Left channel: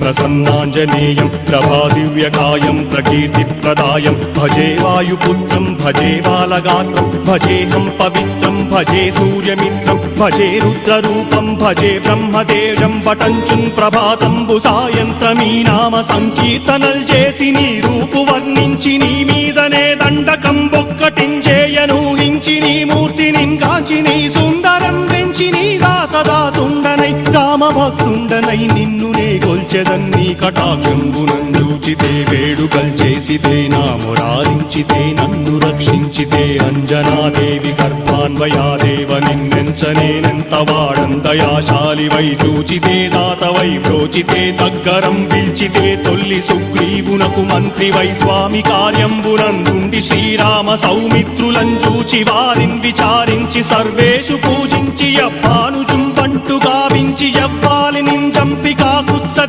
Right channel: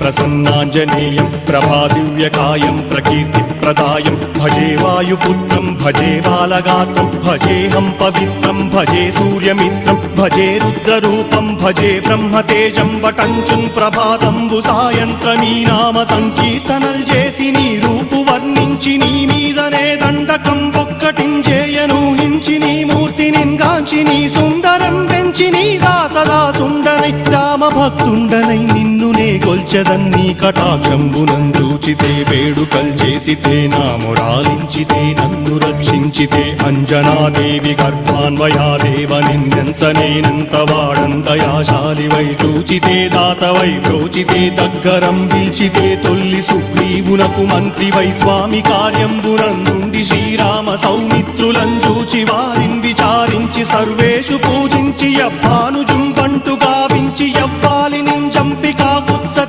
ప్రసన్నాంజనేయం ప్రభాదివ్యకాయం ప్రకీర్తిప్రదాయం భజే వాయుపుత్రం భజే బాలగాత్రం భజేహం పవిత్రం భజే సూర్యమిత్రం భజే రుద్రరూపం భజే బ్రహ్మదేవం వటంచుం ప్రభాతంబు సాయంత్రమీ నామ సంకీర్తనల్ చేసి నీ రూపు వర్ణించి నీ మీదనే దండకం ఒక్కటించేయనూహించి నీ మూర్తిని కాంచి నీ సుందరం పెంచి నీదా సదా సుందరై రామభక్తుండనై నిన్నునే కొల్చెదన్నీ కటాక్షంబునందూచితే వేడుకల్ చేసితే నా మురారించితే నన్ను రక్షించితే అంజనాదేవి గర్భాన్వయాదేవనెంచనేనంత వాడంతయాశాలివై చూచితే దాతవై బ్రోచితే దగ్గరం పిల్చితే తొల్లి సుగ్రీవునకు మంత్రివై స్వామి కార్యంబునందుండి శ్రీరామ సౌమిత్రులం చూచి వారిని